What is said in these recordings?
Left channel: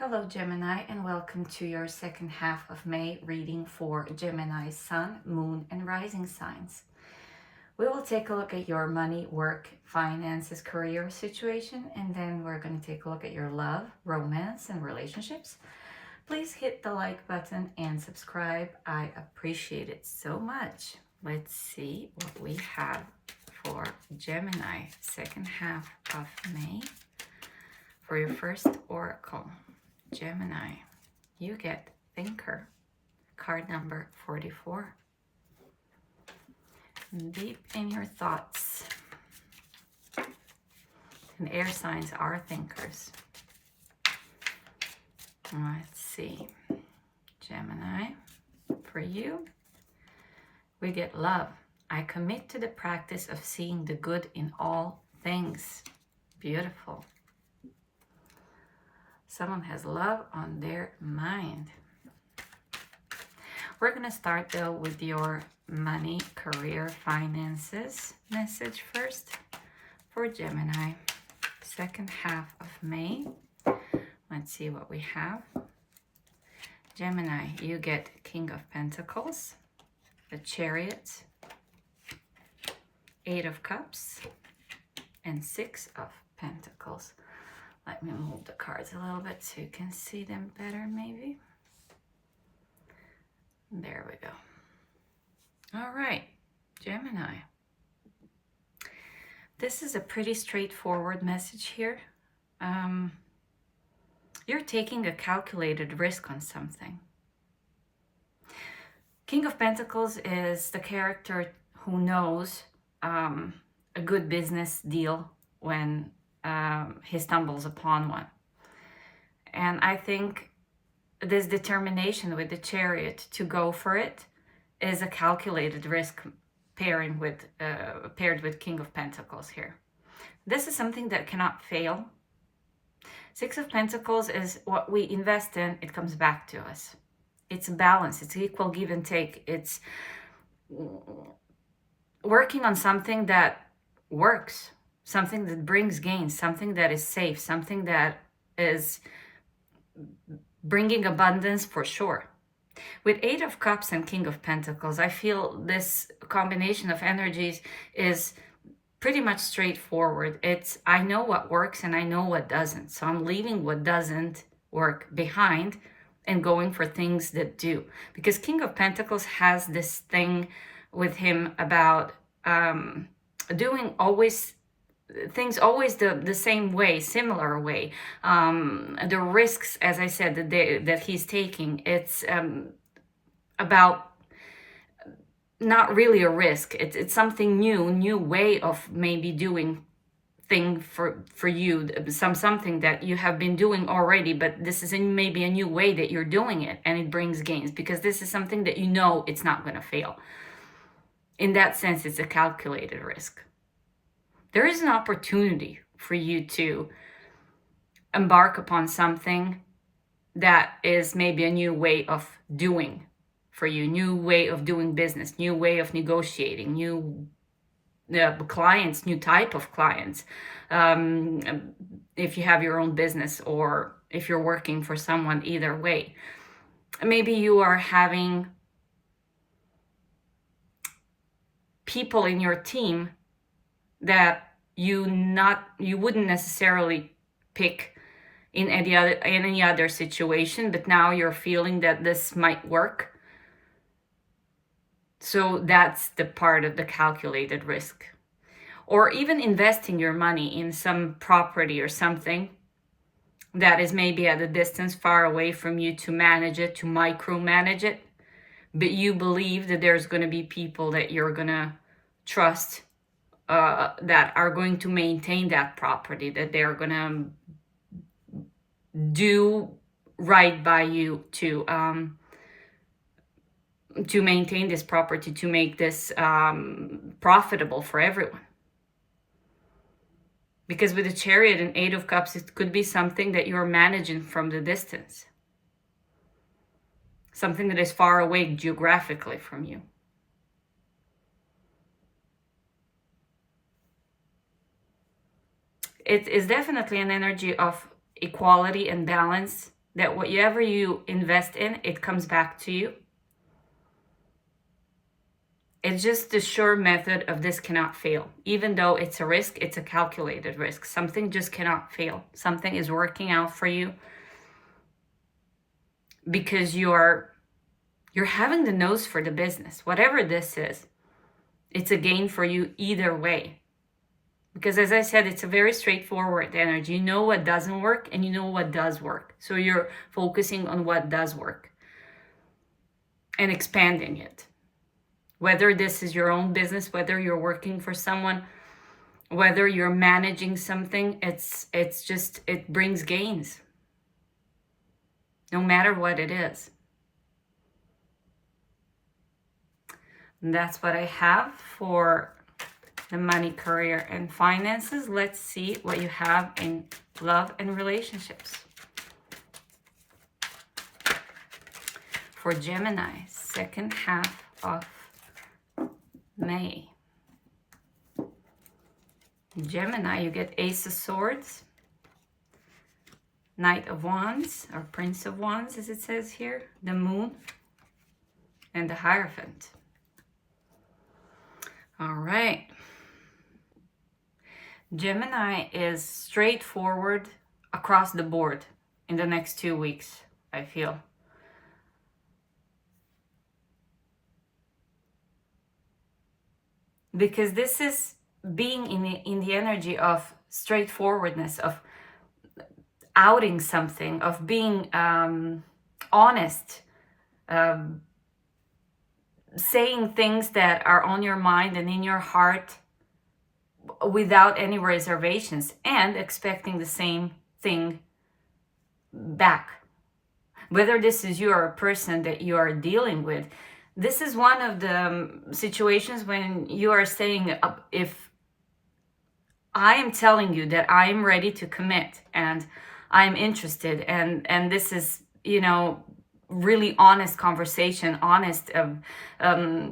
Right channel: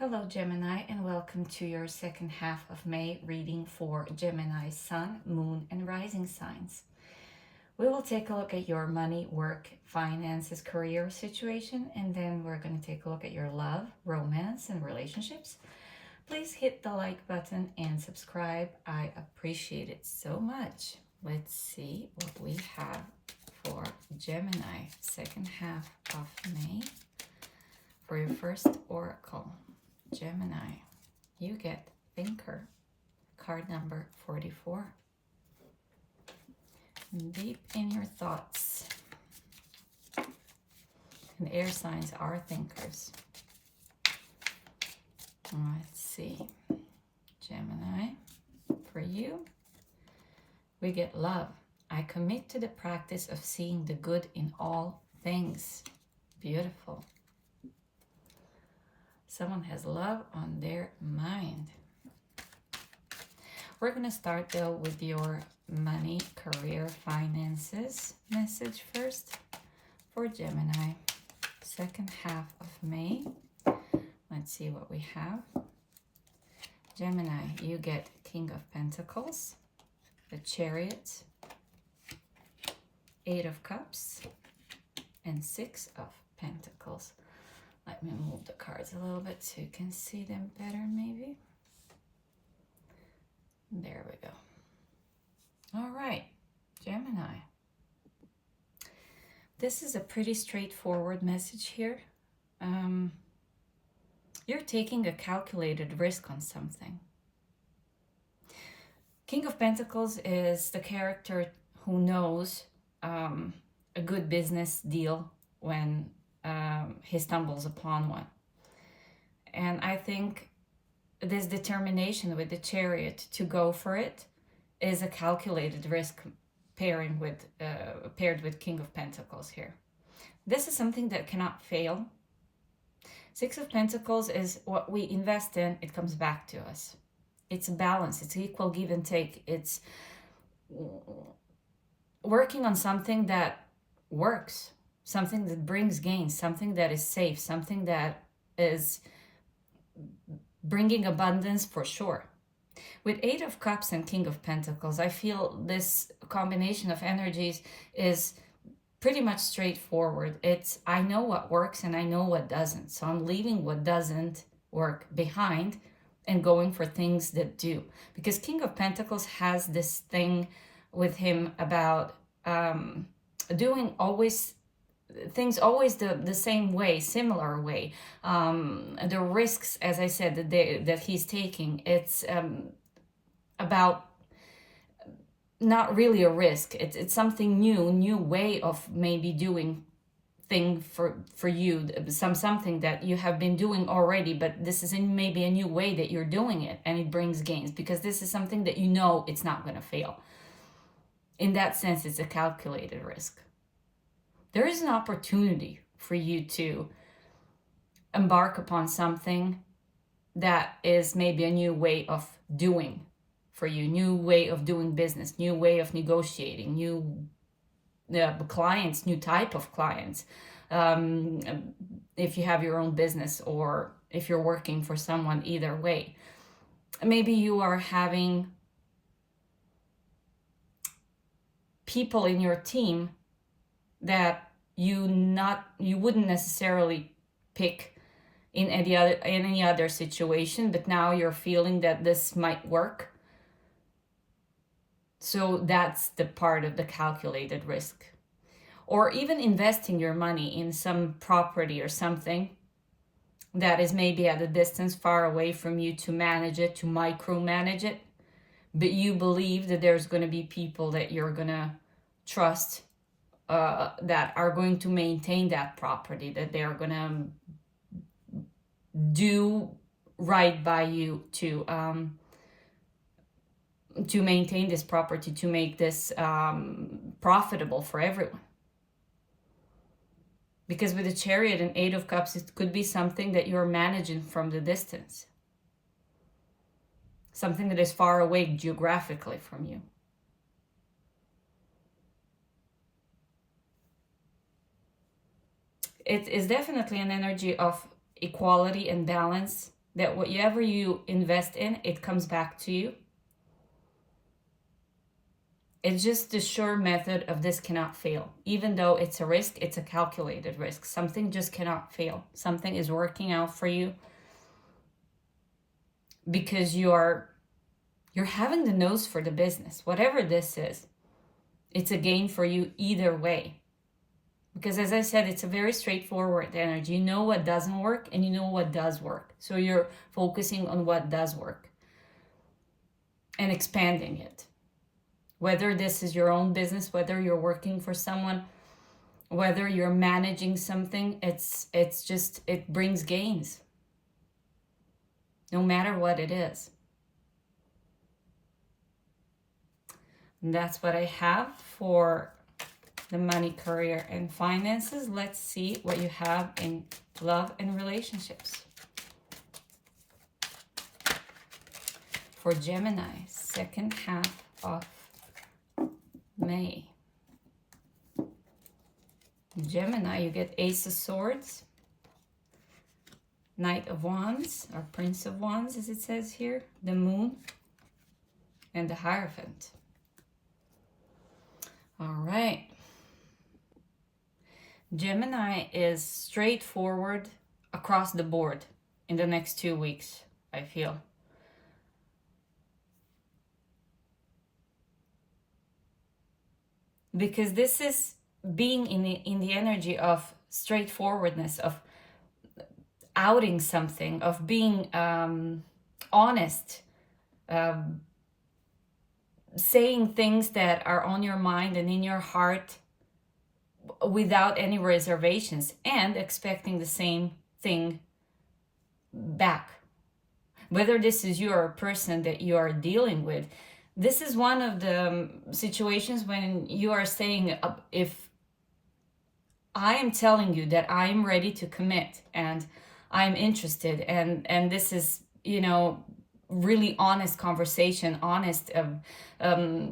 Hello Gemini, and welcome to your second half of May reading for Gemini Sun, Moon and Rising signs. We will take a look at your money, work, finances, career situation, and then we're going to take a look at your love, romance and relationships. Please hit the like button and subscribe. I appreciate it so much. Let's see what we have for Gemini second half of May for your first oracle. Gemini, you get Thinker, card number 44. Deep in your thoughts. And air signs are thinkers. Let's see. Gemini, for you, we get love. I commit to the practice of seeing the good in all things. Beautiful. Someone has love on their mind. We're going to start though with your money, career, finances message first for Gemini. Second half of May. Let's see what we have. Gemini, you get King of Pentacles, the Chariot, 8 of Cups, and 6 of Pentacles. Let me move the cards a little bit so you can see them better, maybe. There we go. All right, Gemini. This is a pretty straightforward message here. You're taking a calculated risk on something. King of Pentacles is the character who knows a good business deal when he stumbles upon one. And I think this determination with the Chariot to go for it is a calculated risk paired with King of Pentacles here. This is something that cannot fail. 6 of Pentacles is what we invest in, it comes back to us. It's a balance, it's equal give and take. It's working on something that works. Something that brings gains, something that is safe, something that is bringing abundance for sure. With 8 of Cups and King of Pentacles, I feel this combination of energies is pretty much straightforward. It's, I know what works and I know what doesn't. So I'm leaving what doesn't work behind and going for things that do. Because King of Pentacles has this thing with him about doing things always the same way, similar way. The risks, as I said, that he's taking, it's about not really a risk. It's something new way of maybe doing thing for you, something that you have been doing already, but this is maybe a new way that you're doing it, and it brings gains because this is something that you know it's not going to fail. In that sense, it's a calculated risk. There is an opportunity for you to embark upon something that is maybe a new way of doing for you, new way of doing business, new way of negotiating, new clients, new type of clients. If you have your own business or if you're working for someone, either way. Maybe you are having people in your team that you wouldn't necessarily pick in any other situation, but now you're feeling that this might work. So that's the part of the calculated risk. Or even investing your money in some property or something that is maybe at a distance far away from you to manage it, to micromanage it, but you believe that there's going to be people that you're going to trust that are going to maintain that property, that they're going to do right by you to maintain this property, to make this profitable for everyone. Because with the Chariot and 8 of Cups, it could be something that you're managing from the distance. Something that is far away geographically from you. It is definitely an energy of equality and balance that whatever you invest in, it comes back to you. It's just the sure method of this cannot fail. Even though it's a risk, it's a calculated risk. Something just cannot fail. Something is working out for you because you're having the nose for the business. Whatever this is, it's a gain for you either way. Because as I said, it's a very straightforward energy. You know what doesn't work and you know what does work. So you're focusing on what does work and expanding it. Whether this is your own business, whether you're working for someone, whether you're managing something, it brings gains. No matter what it is. And that's what I have for the money, career, and finances. Let's see what you have in love and relationships. For Gemini, second half of May. Gemini, you get Ace of Swords, Knight of Wands, or Prince of Wands as it says here, the Moon, and the Hierophant. All right. Gemini is straightforward across the board in the next 2 weeks, I feel. Because this is being in the energy of straightforwardness, of outing something, of being honest, saying things that are on your mind and in your heart without any reservations, and expecting the same thing back. Whether this is you or a person that you are dealing with, this is one of the situations when you are saying, if I am telling you that I am ready to commit and I'm interested, and this is, you know, really honest conversation, honest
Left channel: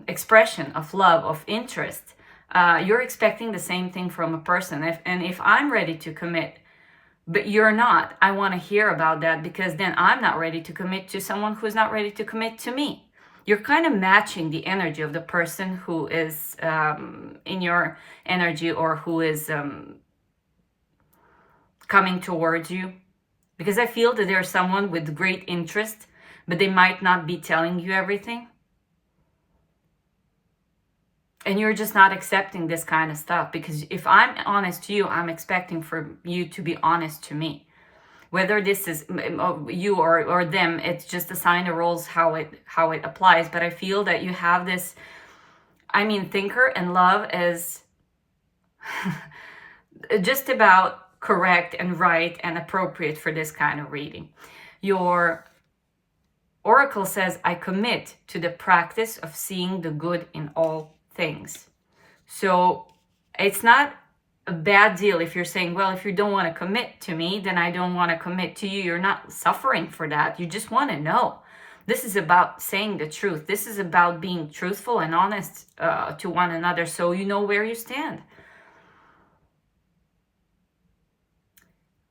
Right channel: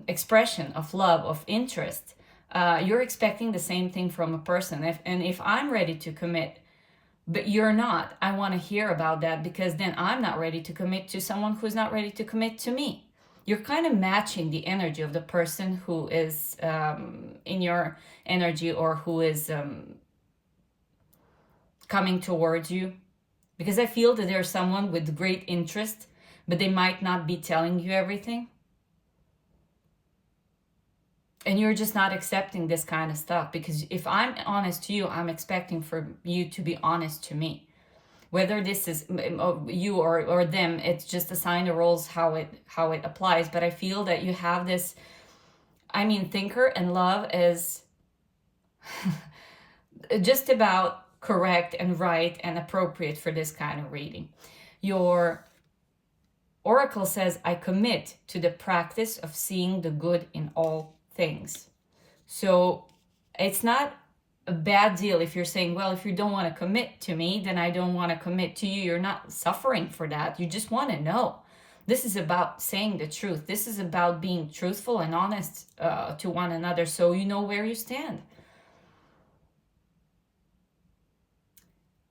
expression of love, of interest, you're expecting the same thing from a person. If I'm ready to commit, but you're not, I want to hear about that, because then I'm not ready to commit to someone who's not ready to commit to me. You're kind of matching the energy of the person who is in your energy, or who is coming towards you. Because I feel that there's someone with great interest, but they might not be telling you everything. And you're just not accepting this kind of stuff. Because if I'm honest to you, I'm expecting for you to be honest to me. Whether this is you or them, it's just assign the roles how it applies. But I feel that you have this, I mean, thinker and love is just about correct and right and appropriate for this kind of reading. Your oracle says, I commit to the practice of seeing the good in all things. So it's not a bad deal if you're saying, well, if you don't want to commit to me, then I don't want to commit to you. You're not suffering for that. You just want to know. This is about saying the truth. This is about being truthful and honest to one another, so you know where you stand.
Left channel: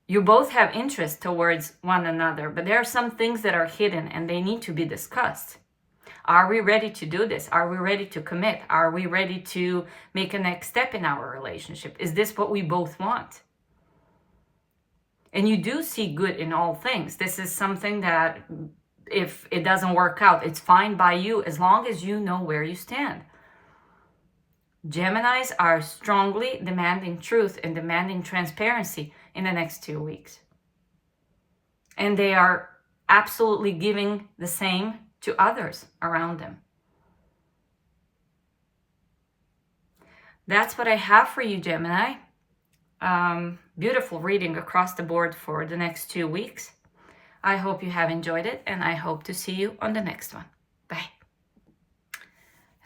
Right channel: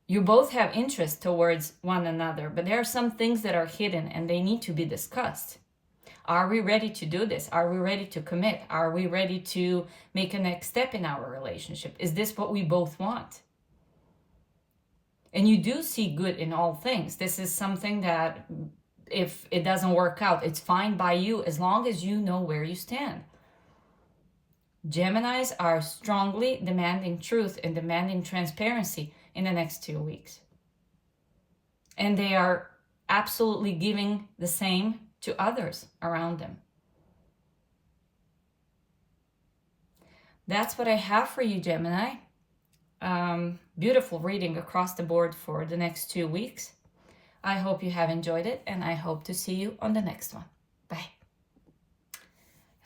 You both have interest towards one another, but there are some things that are hidden and they need to be discussed. Are we ready to do this? Are we ready to commit? Are we ready to make a next step in our relationship? Is this what we both want? And you do see good in all things. This is something that if it doesn't work out, it's fine by you as long as you know where you stand. Geminis are strongly demanding truth and demanding transparency in the next 2 weeks. And they are absolutely giving the same to others around them. That's what I have for you, Gemini. Beautiful reading across the board for the next 2 weeks. I hope you have enjoyed it, and I hope to see you on the next one. Bye.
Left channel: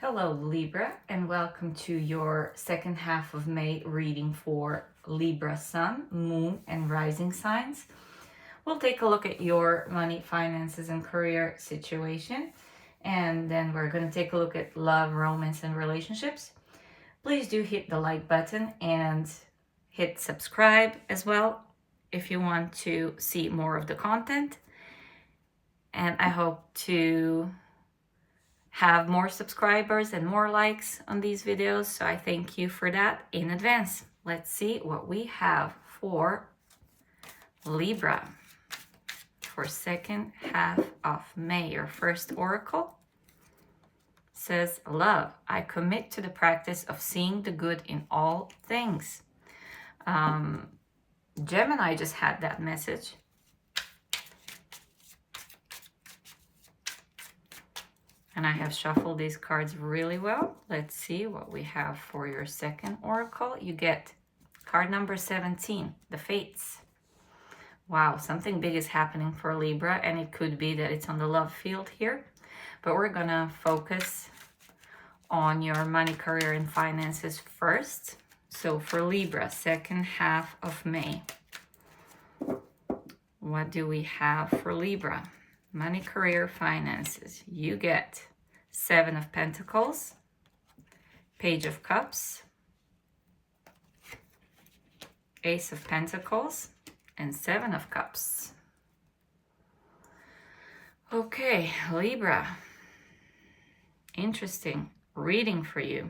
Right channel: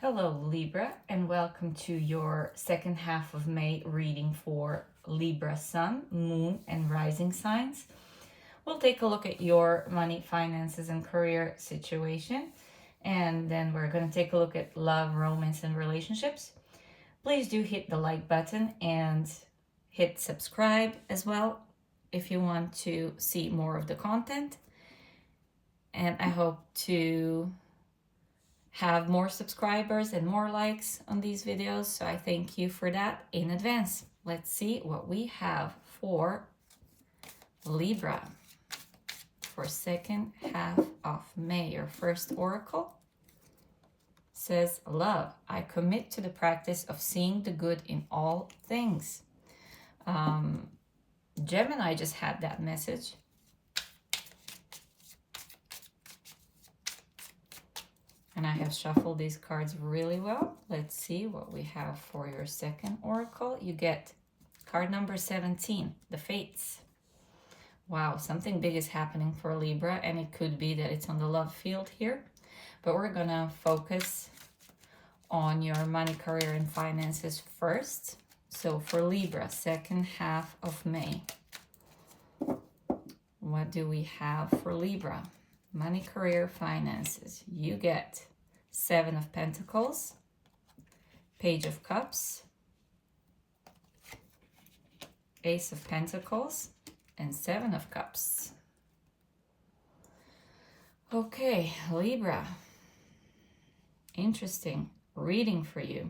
Hello, Libra, and welcome to your second half of May reading for Libra Sun, Moon, and Rising signs. We'll take a look at your money, finances, and career situation. And then we're going to take a look at love, romance, and relationships. Please do hit the like button and hit subscribe as well if you want to see more of the content. And I hope to have more subscribers and more likes on these videos. So I thank you for that in advance. Let's see what we have for Libra for second half of May. Your first oracle says, love, I commit to the practice of seeing the good in all things. Gemini just had that message. And I have shuffled these cards really well. Let's see what we have for your second oracle. You get card number 17, the Fates. Wow, something big is happening for Libra, and it could be that it's on the love field here. But we're gonna focus on your money, career, and finances first. So for Libra, second half of May, what do we have for Libra? Money, career, finances. You get 7 of Pentacles, Page of Cups, Ace of Pentacles, and 7 of Cups. Okay, Libra. Interesting reading for you.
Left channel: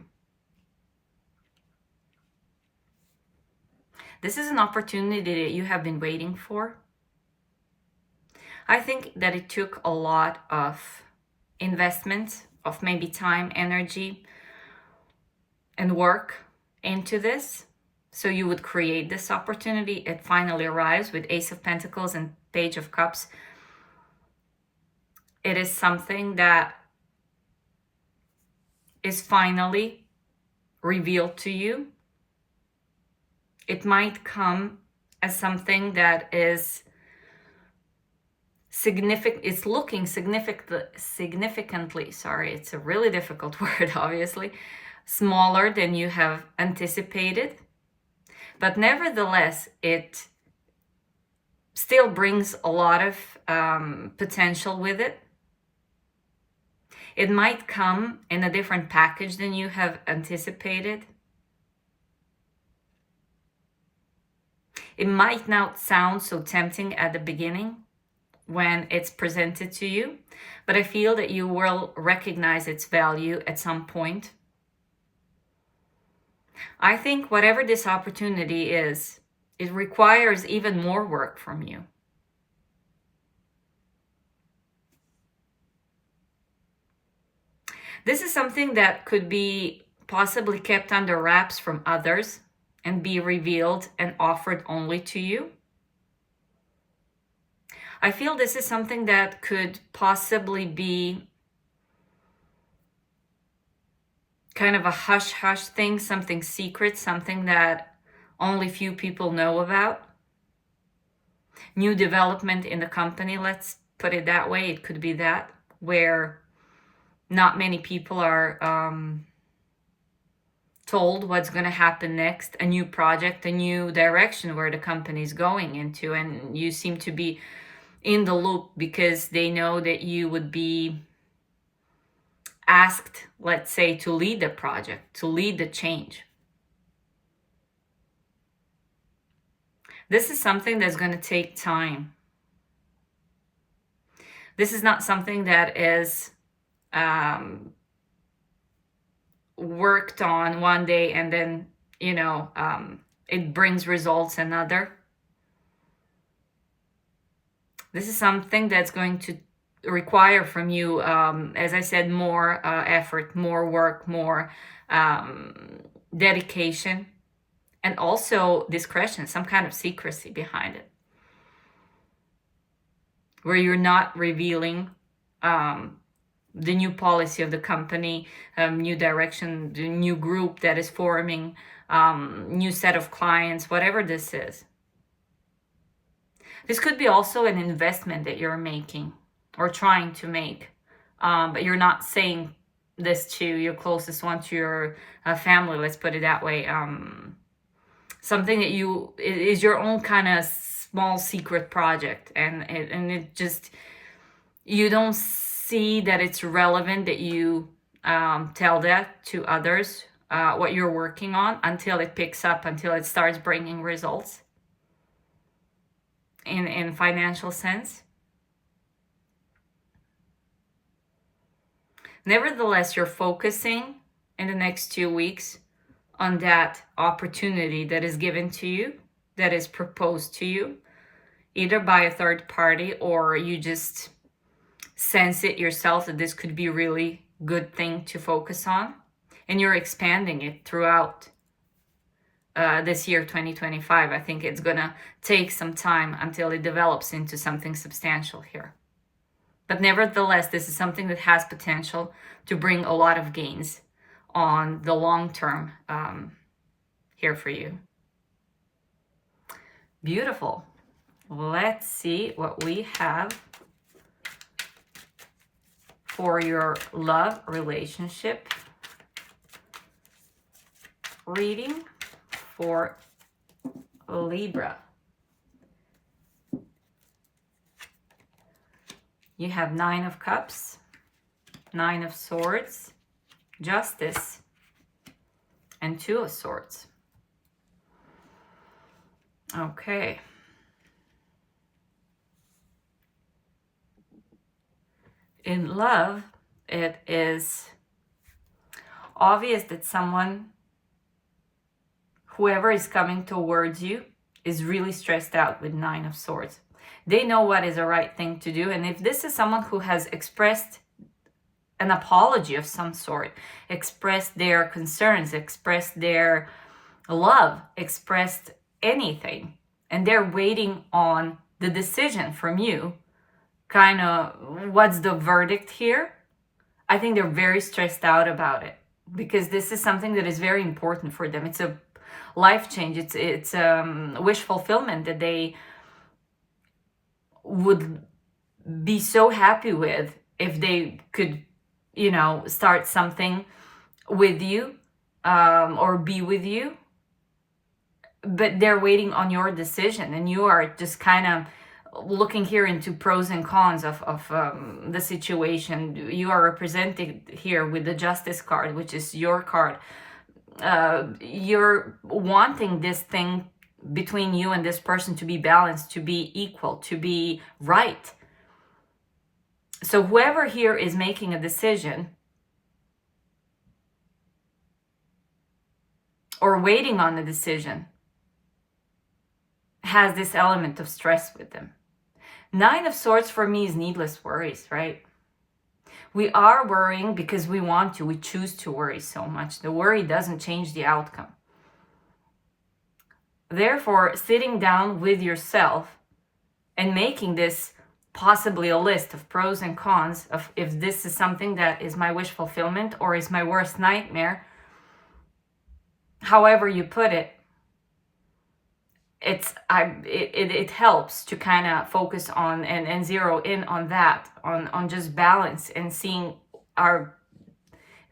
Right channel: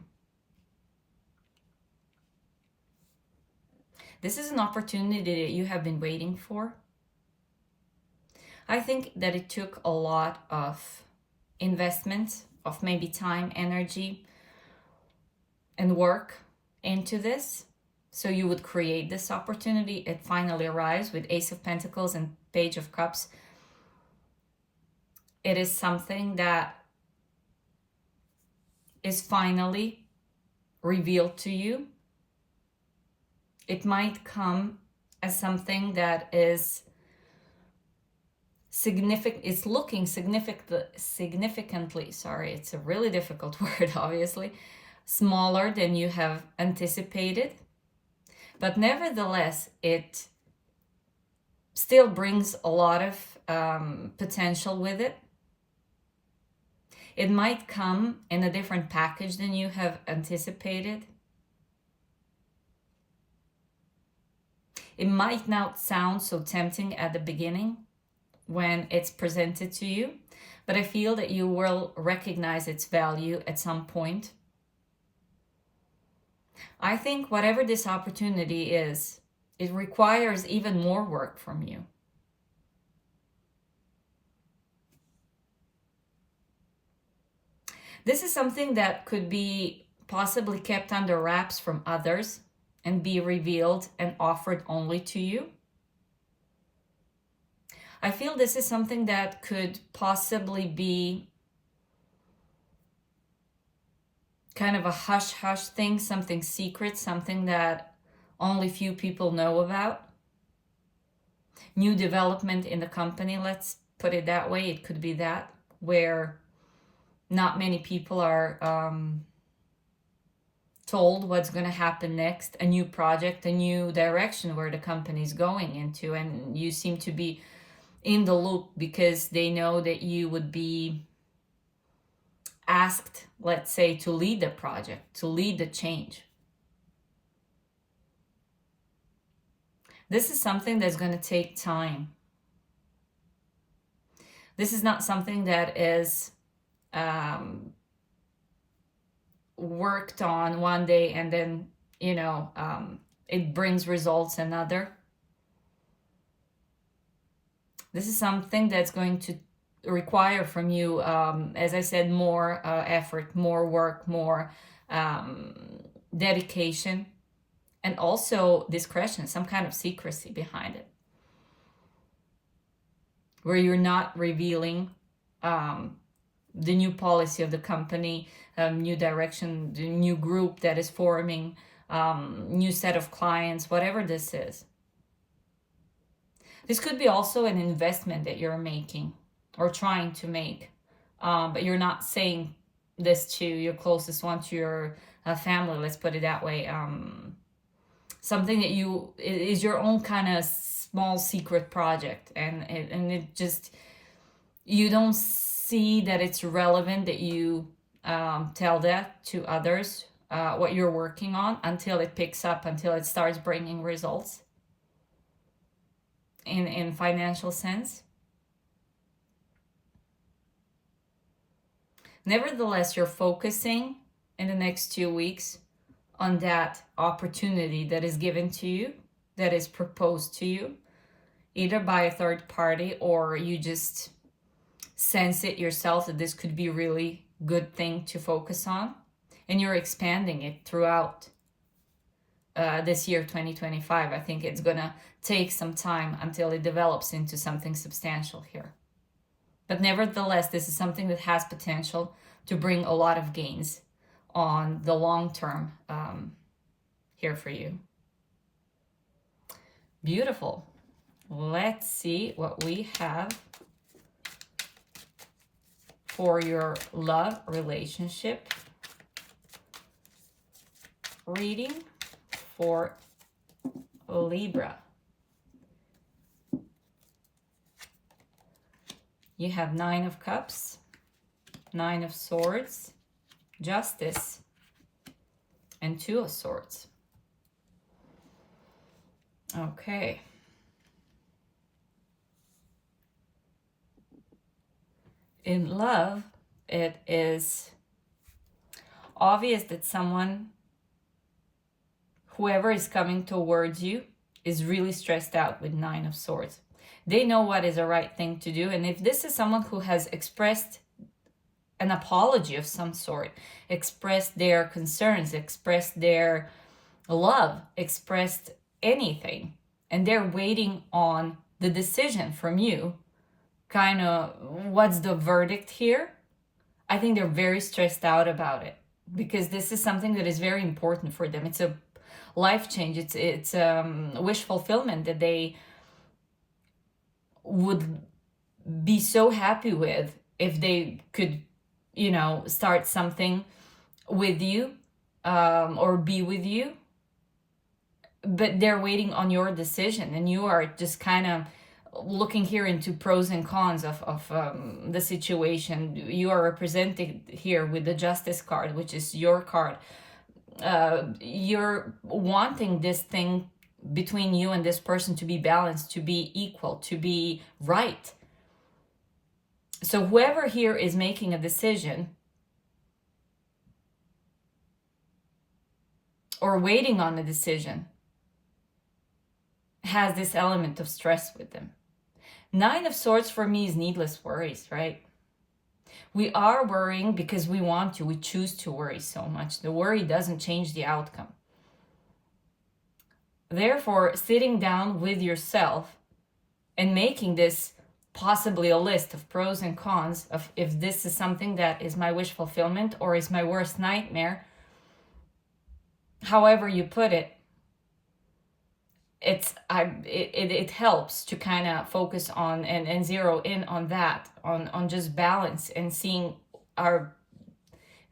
This is an opportunity that you have been waiting for. I think that it took a lot of investment, of maybe time, energy, and work into this. So you would create this opportunity. It finally arrives with Ace of Pentacles and Page of Cups. It is something that is finally revealed to you. It might come as something that is significant. It's looking significantly, sorry, it's a really difficult word, obviously, smaller than you have anticipated. But nevertheless, it still brings a lot of potential with it. It might come in a different package than you have anticipated. It might not sound so tempting at the beginning when it's presented to you, but I feel that you will recognize its value at some point. I think whatever this opportunity is, it requires even more work from you. This is something that could be possibly kept under wraps from others and be revealed and offered only to you. I feel this is something that could possibly be kind of a hush-hush thing, something secret, something that only few people know about. New development in the company, let's put it that way. It could be that, where not many people are told what's going to happen next, a new project, a new direction where the company is going into, and you seem to be in the loop because they know that you would be asked, let's say, to lead the project, to lead the change. This is something that's going to take time. This is not something that is worked on one day and then, it brings results another. This is something that's going to require from you, as I said, more effort, more work, more dedication, and also discretion, some kind of secrecy behind it, where you're not revealing the new policy of the company, new direction, the new group that is forming, new set of clients, whatever this is. This could be also an investment that you're making or trying to make, but you're not saying this to your closest one, to your family, let's put it that way. Something that is your own kind of small secret project, and it just, you don't see that it's relevant that you tell that to others, what you're working on, until it picks up, until it starts bringing results in financial sense. Nevertheless, you're focusing in the next 2 weeks on that opportunity that is given to you, that is proposed to you, either by a third party, or you just sense it yourself that this could be a really good thing to focus on, and you're expanding it throughout this year 2025. I think it's gonna take some time until it develops into something substantial here. But nevertheless, this is something that has potential to bring a lot of gains on the long term here for you. Beautiful. Let's see what we have for your love relationship reading for Libra. You have 9 of Cups, 9 of Swords, Justice, and 2 of Swords. Okay. In love, it is obvious that whoever is coming towards you is really stressed out with 9 of Swords. They know what is the right thing to do. And if this is someone who has expressed an apology of some sort, expressed their concerns, expressed their love, expressed anything, and they're waiting on the decision from you, kind of what's the verdict here? I think they're very stressed out about it, because this is something that is very important for them. It's a life change. It's wish fulfillment that they would be so happy with if they could, start something with you or be with you. But they're waiting on your decision, and you are just kind of looking here into pros and cons of the situation. You are represented here with the Justice card, which is your card. You're wanting this thing between you and this person to be balanced, to be equal, to be right. So whoever here is making a decision or waiting on a decision has this element of stress with them. 9 of Swords for me is needless worries, right? We are worrying because we want to. We choose to worry so much. The worry doesn't change the outcome. Therefore, sitting down with yourself and making this possibly a list of pros and cons of if this is something that is my wish fulfillment or is my worst nightmare, however you put it, it helps to kind of focus on and zero in on that, on just balance and seeing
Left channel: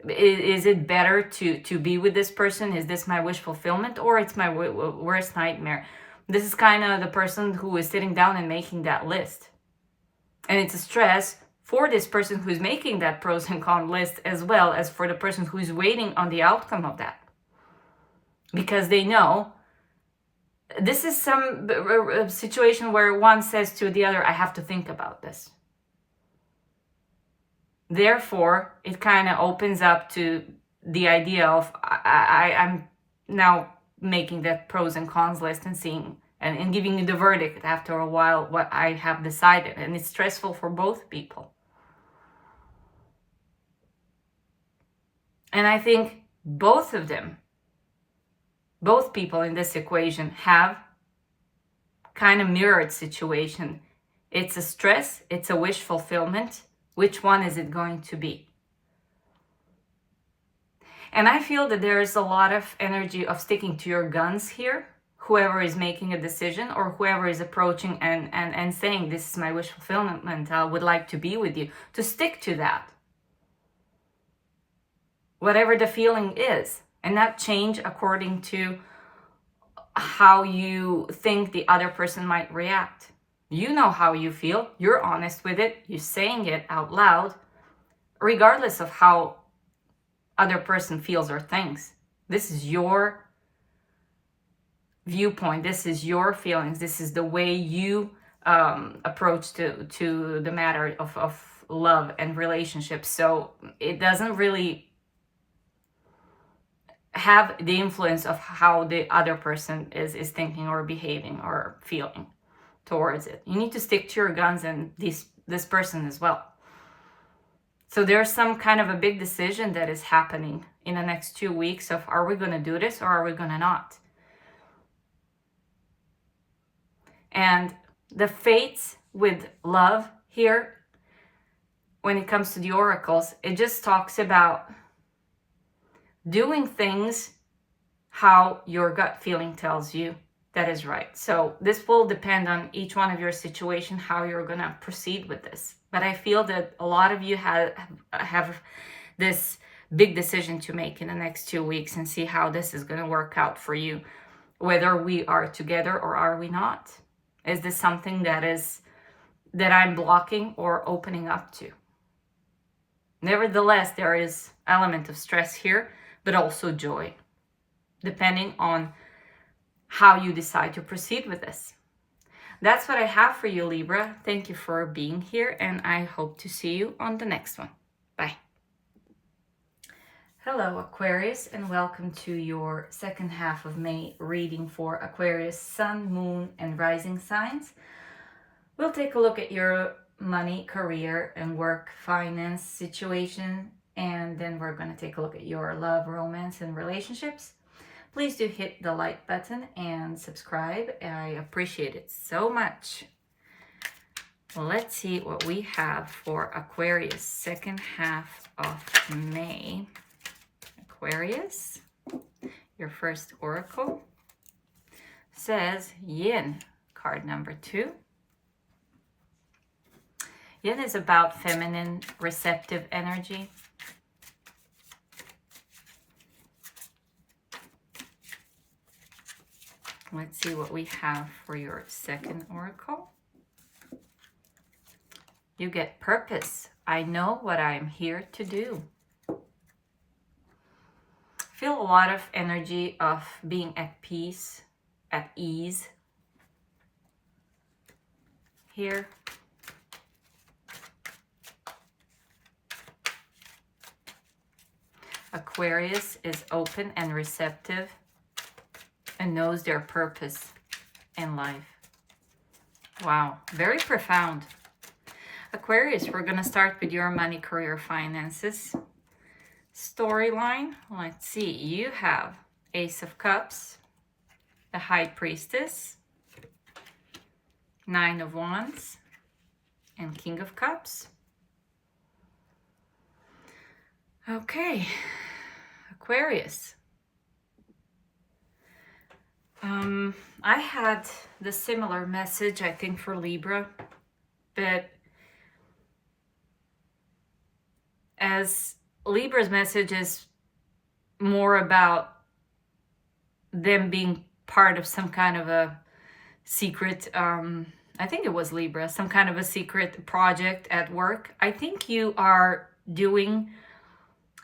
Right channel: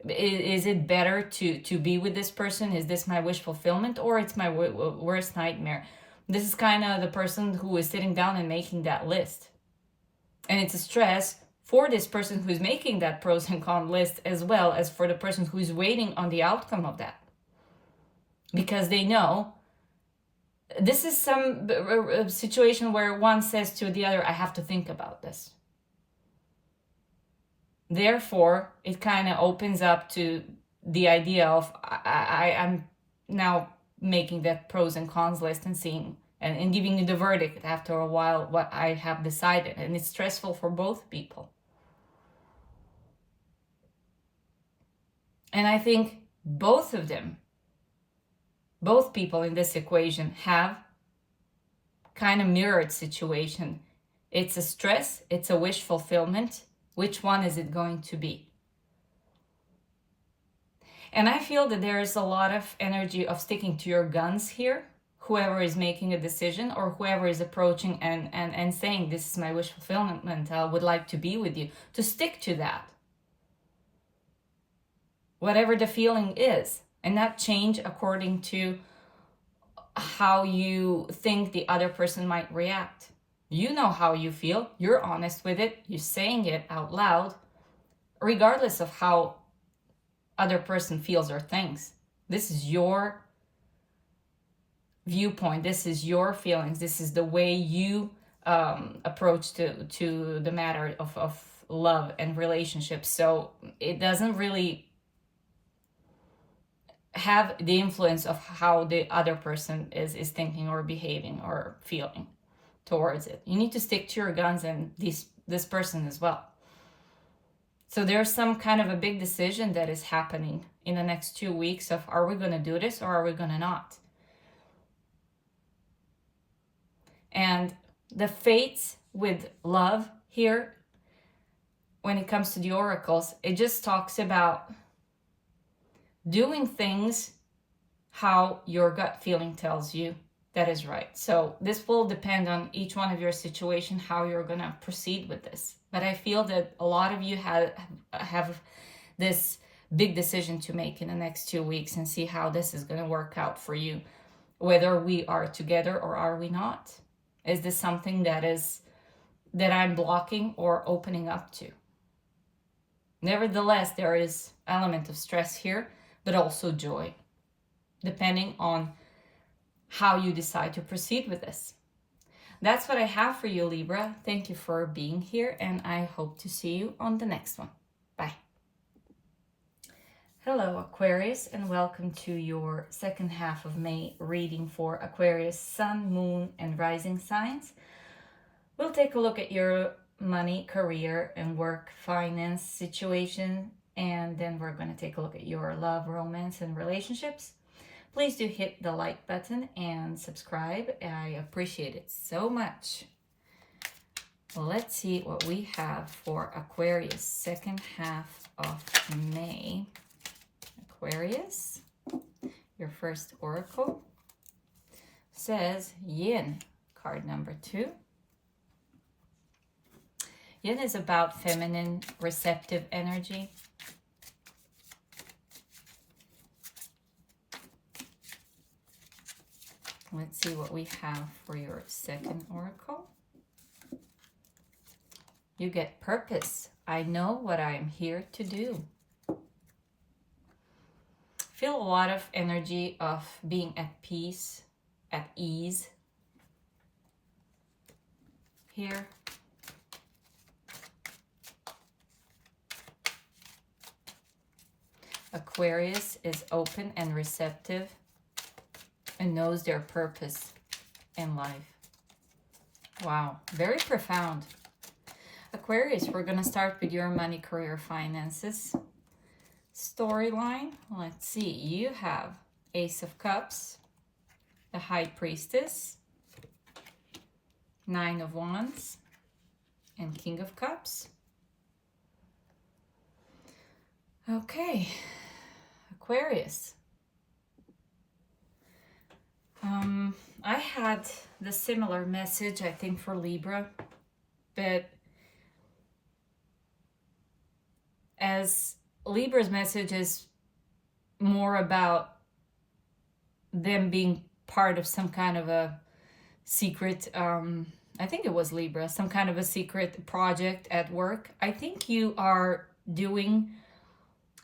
is it better to be with this person? Is this my wish fulfillment, or it's my worst nightmare? This is kind of the person who is sitting down and making that list. And it's a stress for this person who's making that pros and cons list, as well as for the person who's waiting on the outcome of that. Because they know this is some situation where one says to the other, I have to think about this. Therefore, it kind of opens up to the idea of I'm now making that pros and cons list and seeing and giving you the verdict after a while what I have decided. And it's stressful for both people. And I think both of them, both people in this equation have kind of mirrored situation. It's a stress, it's a wish fulfillment. Which one is it going to be? And I feel that there is a lot of energy of sticking to your guns here. Whoever is making a decision or whoever is approaching and saying, this is my wish fulfillment, I would like to be with you, to stick to that. Whatever the feeling is, and not change according to how you think the other person might react. You know how you feel. You're honest with it. You're saying it out loud, regardless of how other person feels or thinks. This is your viewpoint. This is your feelings. This is the way you approach to the matter of love and relationships. So it doesn't really have the influence of how the other person is thinking or behaving or feeling towards it. You need to stick to your guns and this person as well. So there's some kind of a big decision that is happening in the next 2 weeks of, are we going to do this or are we going to not? And the fates with love here, when it comes to the oracles, it just talks about doing things how your gut feeling tells you that is right. So this will depend on each one of your situation, how you're going to proceed with this. But I feel that a lot of you have this big decision to make in the next 2 weeks and see how this is going to work out for you. Whether we are together or are we not? Is this something that I'm blocking or opening up to? Nevertheless, there is element of stress here, but also joy, depending on how you decide to proceed with this. That's what I have for you, Libra. Thank you for being here, and I hope to see you on the next one. Bye. Hello, Aquarius, and welcome to your second half of May reading for Aquarius, Sun, Moon, and Rising signs. We'll take a look at your money, career, and work, finance situation, and then we're going to take a look at your love, romance, and relationships. Please do hit the like button and subscribe. I appreciate it so much. Let's see what we have for Aquarius, second half of May. Aquarius, your first oracle says Yin, card number 2. Yin is about feminine, receptive energy. Let's see what we have for your second oracle. You get purpose. I know what I'm here to do. Feel a lot of energy of being at peace, at ease here. Aquarius is open and receptive and knows their purpose in life. Wow, very profound. Aquarius, we're going to start with your money, career, finances storyline. Let's see, you have Ace of Cups, the High Priestess, Nine of Wands, and King of Cups. Okay, Aquarius. I had the similar message, I think, for Libra, but as Libra's message is more about them being part of some kind of a secret, I think it was Libra, some kind of a secret project at work. I think you are doing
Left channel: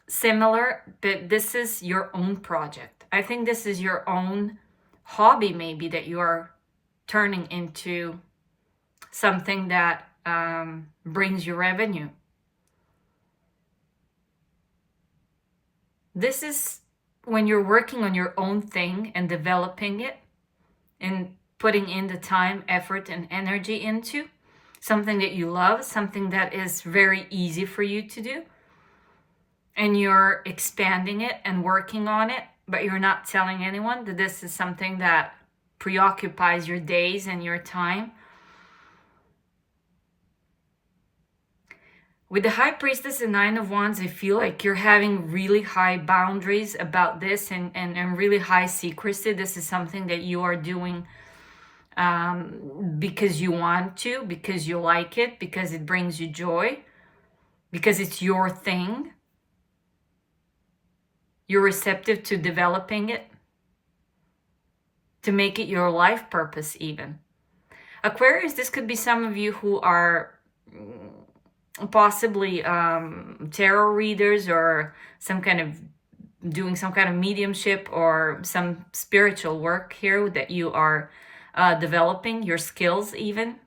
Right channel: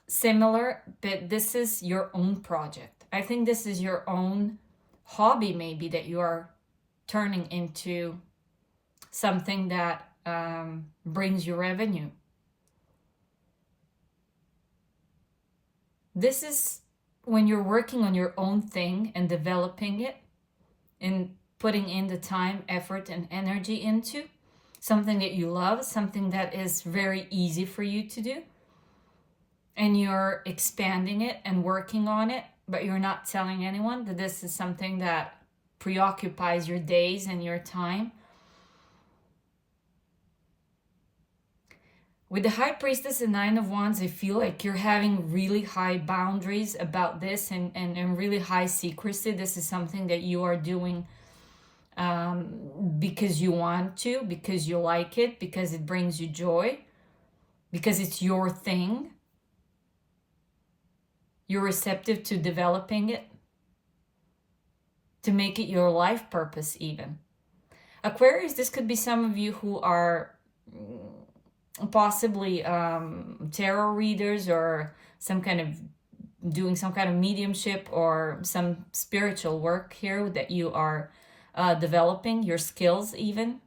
similar, but this is your own project. I think this is your own hobby, maybe, that you are turning into something that brings you revenue. This is when you're working on your own thing and developing it and putting in the time, effort, and energy into something that you love, something that is very easy for you to do. And you're expanding it and working on it, but you're not telling anyone that this is something that preoccupies your days and your time. With the High Priestess and Nine of Wands, I feel like you're having really high boundaries about this and really high secrecy. This is something that you are doing because you want to, because you like it, because it brings you joy, because it's your thing. You're receptive to developing it, to make it your life purpose even. Aquarius, this could be some of you who are possibly tarot readers or doing some kind of mediumship or some spiritual work here that you are developing, your skills even,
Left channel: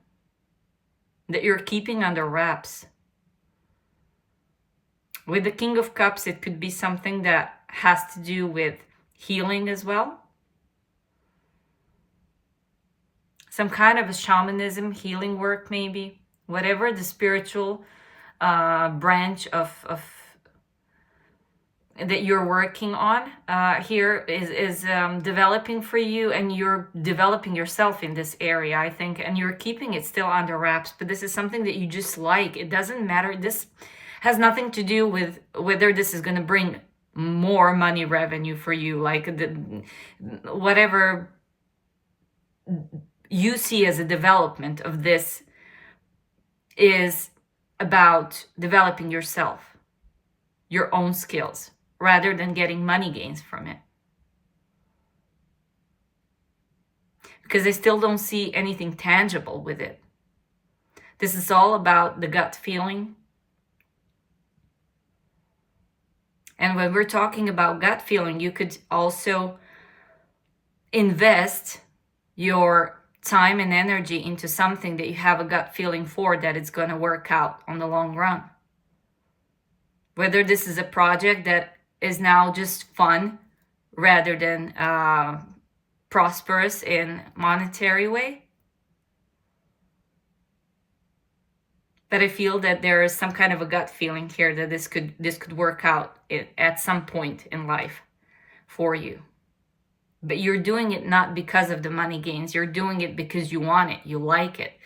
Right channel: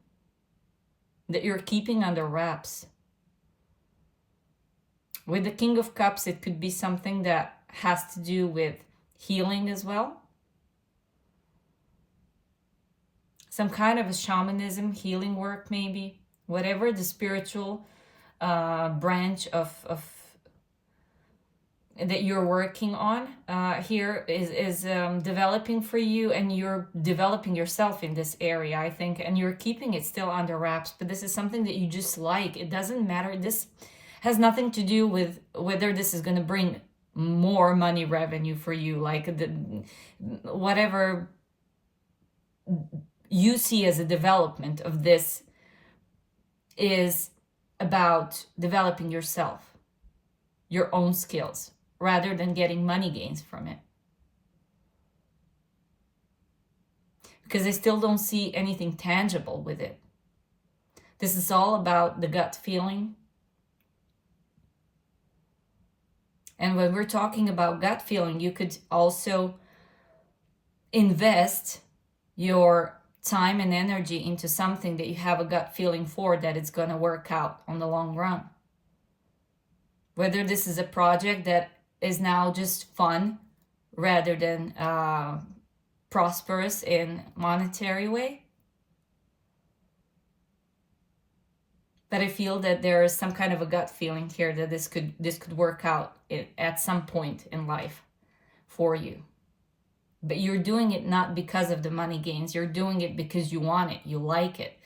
that you're keeping under wraps. With the King of Cups, it could be something that has to do with healing as well. Some kind of a shamanism, healing work maybe. Whatever the spiritual branch of that you're working on here is developing for you, and you're developing yourself in this area, I think, and you're keeping it still under wraps. But this is something that you just like. It doesn't matter. This has nothing to do with whether this is going to bring more money revenue for you, like whatever you see as a development of this is about developing yourself, your own skills, rather than getting money gains from it. Because I still don't see anything tangible with it. This is all about the gut feeling. And when we're talking about gut feeling, you could also invest your time and energy into something that you have a gut feeling for, that it's going to work out on the long run. Whether this is a project that is now just fun rather than prosperous in monetary way. But I feel that there is some kind of a gut feeling here that this could work out at some point in life for you. But you're doing it not because of the money gains. You're doing it because you want it. You like it.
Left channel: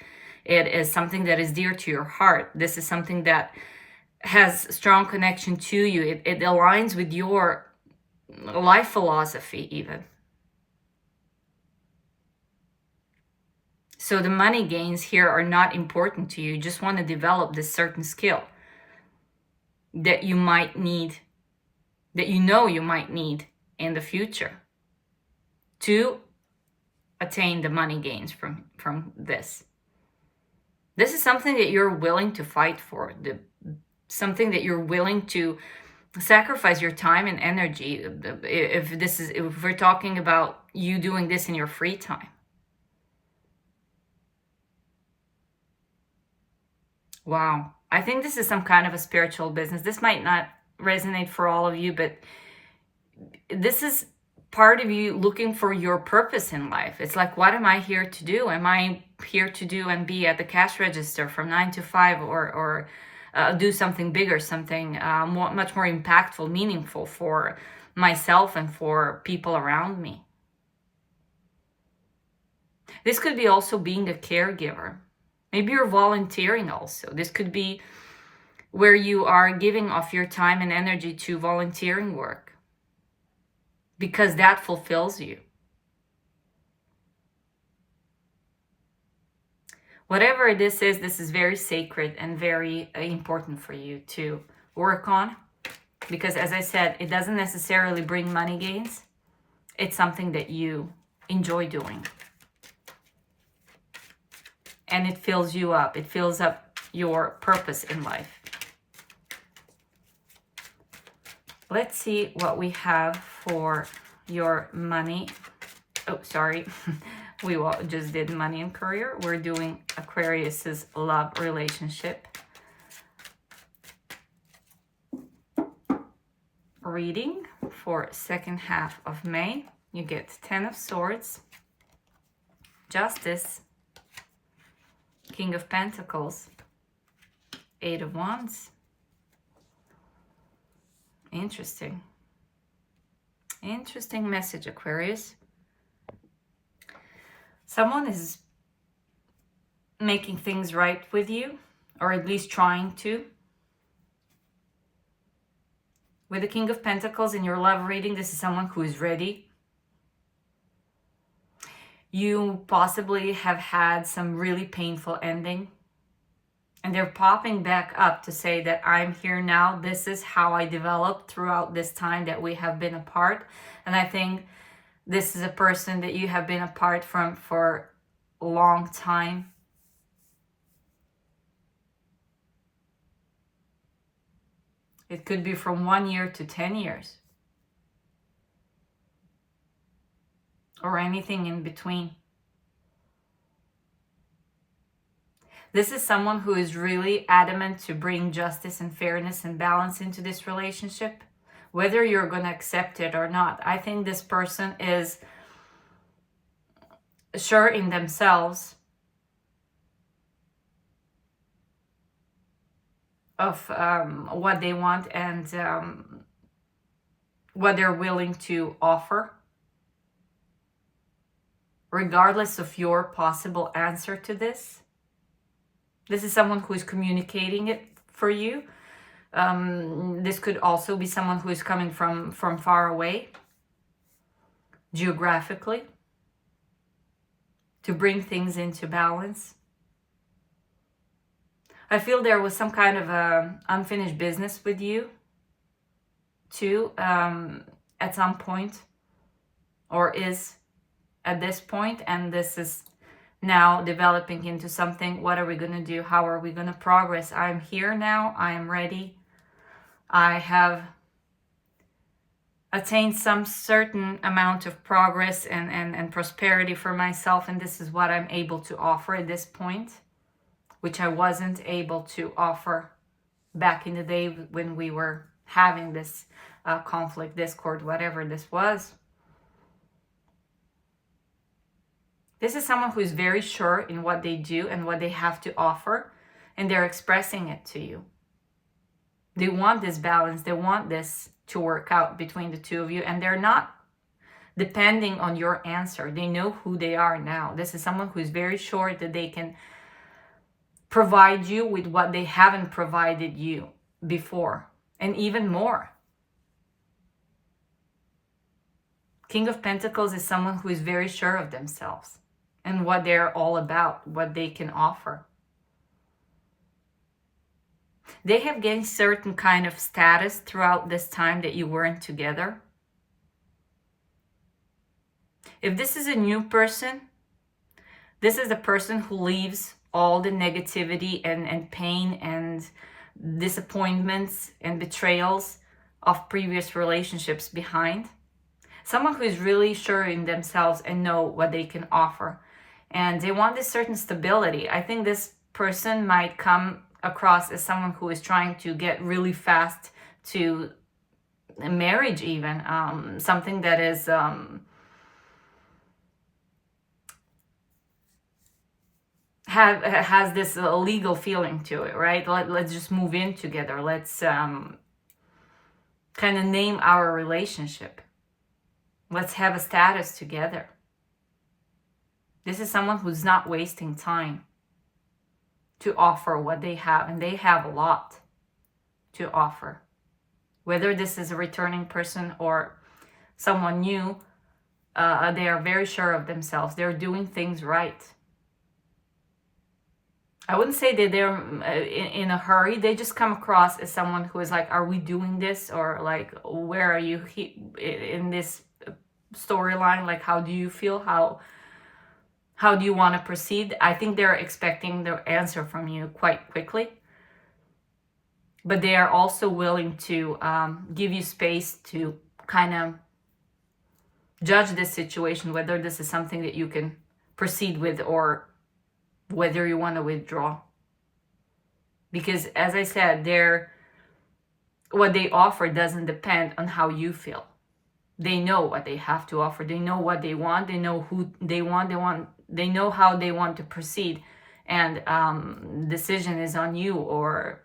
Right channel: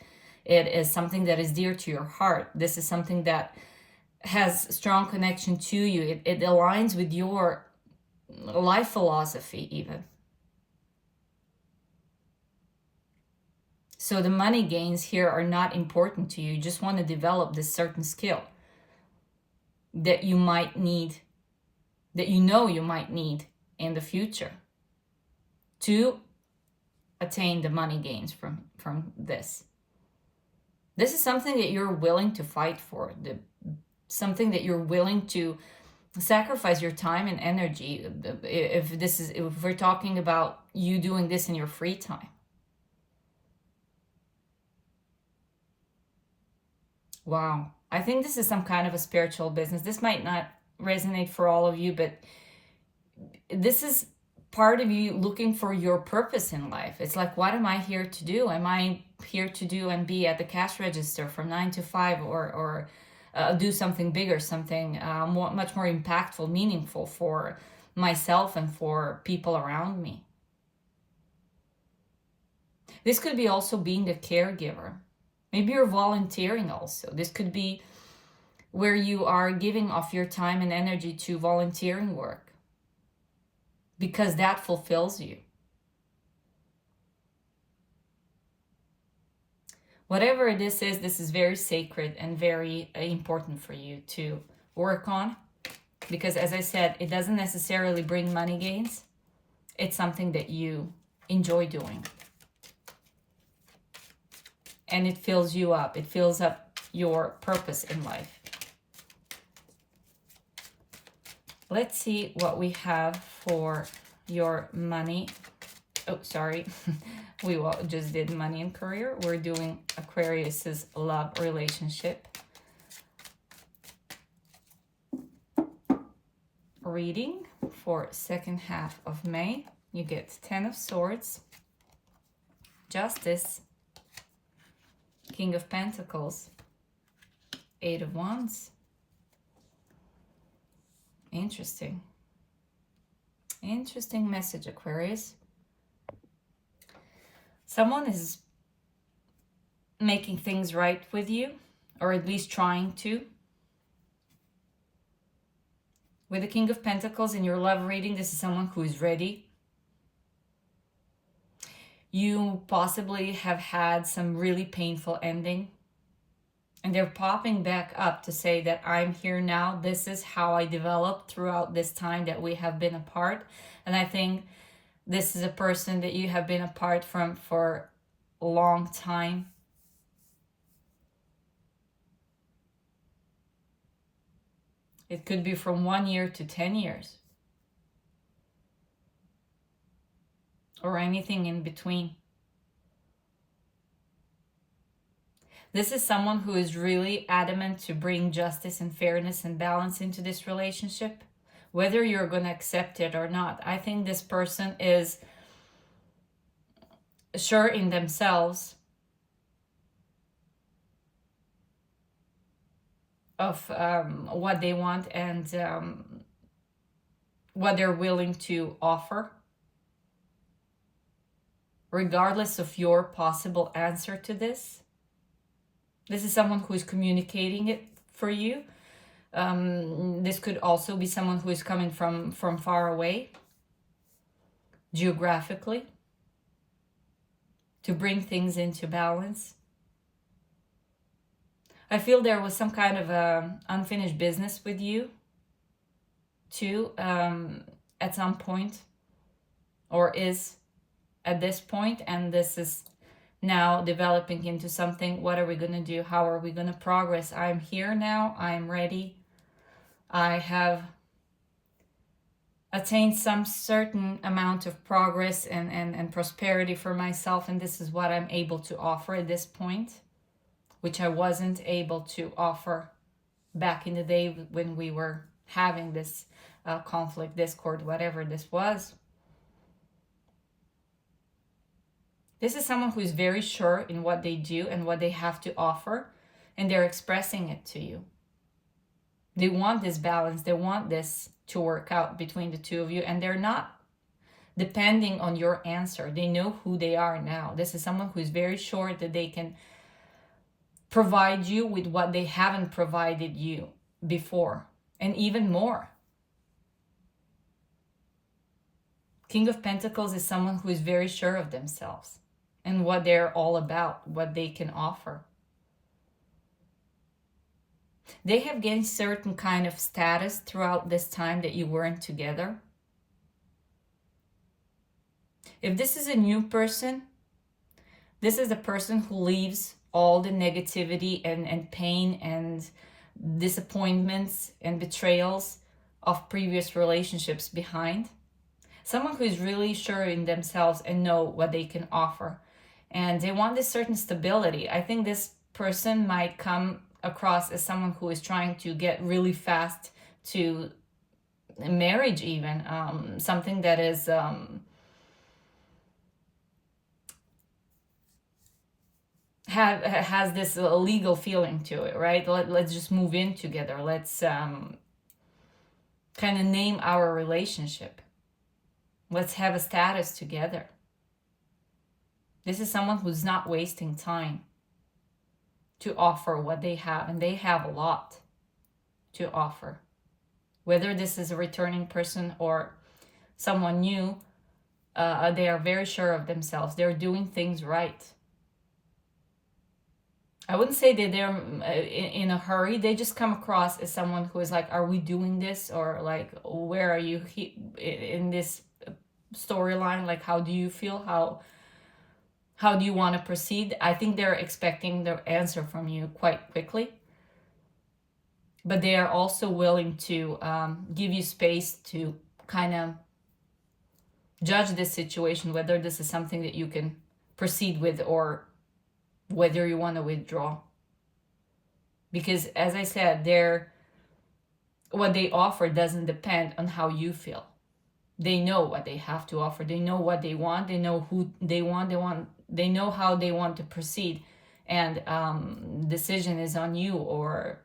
It is something that is dear to your heart. This is something that has strong connection to you. It aligns with your life philosophy even. So the money gains here are not important to you. You just want to develop this certain skill that you might need, that you know you might need in the future to attain the money gains from this. This is something that you're willing to fight for, something that you're willing to sacrifice your time and energy. If we're talking about you doing this in your free time. Wow. I think this is some kind of a spiritual business. This might not resonate for all of you, but this is part of you looking for your purpose in life. It's like, what am I here to do? Am I here to do and be at the cash register from 9 to 5, or do something bigger, something much more impactful, meaningful for myself and for people around me? This could be also being a caregiver. Maybe you're volunteering also. This could be where you are giving off your time and energy to volunteering work, because that fulfills you. Whatever this is very sacred and very important for you to work on, because as I said, it doesn't necessarily bring money gains. It's something that you enjoy doing. And it fills you up. It fills up your purpose in life. Let's see what we have for your money. Oh, sorry. We just did money and career. We're doing Aquarius's love relationship reading for second half of May. You get 10 of Swords, Justice, King of Pentacles, 8 of Wands. Interesting. Interesting message, Aquarius. Someone is making things right with you, or at least trying to. With the King of Pentacles in your love reading, this is someone who is ready. You possibly have had some really painful ending, and they're popping back up to say that I'm here now. This is how I developed throughout this time that we have been apart. And I think this is a person that you have been apart from for a long time. It could be from 1 year to 10 years. Or anything in between. This is someone who is really adamant to bring justice and fairness and balance into this relationship, whether you're going to accept it or not. I think this person is sure in themselves of what they want and what they're willing to offer, regardless of your possible answer to this. This is someone who is communicating it for you. This could also be someone who is coming from far away, geographically, to bring things into balance. I feel there was some kind of unfinished business with you too, at some point, or is at this point, and this is now developing into something. What are we going to do? How are we going to progress? I'm here now. I am ready. I have attained some certain amount of progress and prosperity for myself, and this is what I'm able to offer at this point, which I wasn't able to offer back in the day when we were having this conflict, discord, whatever this was. This is someone who is very sure in what they do and what they have to offer, and they're expressing it to you. They want this balance. They want this to work out between the two of you, and they're not depending on your answer. They know who they are now. This is someone who is very sure that they can provide you with what they haven't provided you before, and even more. King of Pentacles is someone who is very sure of themselves and what they're all about, what they can offer. They have gained certain kind of status throughout this time that you weren't together. If this is a new person, this is the person who leaves all the negativity and pain and disappointments and betrayals of previous relationships behind. Someone who is really sure in themselves and know what they can offer. And they want this certain stability. I think this person might come across as someone who is trying to get really fast to marriage even. Something that is has this legal feeling to it, right? Let's just move in together. Let's kind of name our relationship. Let's have a status together. This is someone who's not wasting time to offer what they have, and they have a lot to offer. Whether this is a returning person or someone new, they are very sure of themselves. They're doing things right. I wouldn't say that they're in a hurry. They just come across as someone who is like, are we doing this? Or like, where are you in this storyline? Like, how do you feel? How do you want to proceed? I think they're expecting the answer from you quite quickly. But they are also willing to give you space to kind of judge this situation, whether this is something that you can proceed with or whether you want to withdraw. Because as I said, what they offer doesn't depend on how you feel. They know what they have to offer. They know what they want. They know who they want. They know how they want to proceed. And decision is on you, or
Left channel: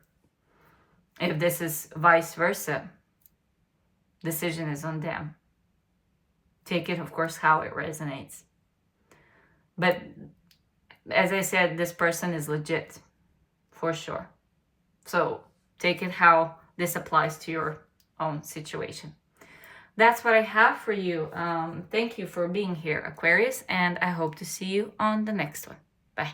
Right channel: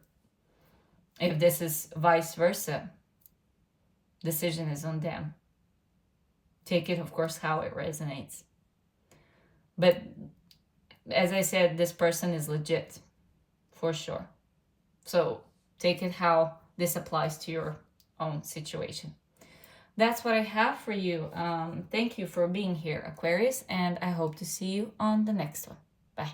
if this is vice versa, decision is on them. Take it, of course, how it resonates. But as I said, this person is legit, for sure. So take it how this applies to your own situation. That's what I have for you. Thank you for being here, Aquarius, and I hope to see you on the next one. Bye.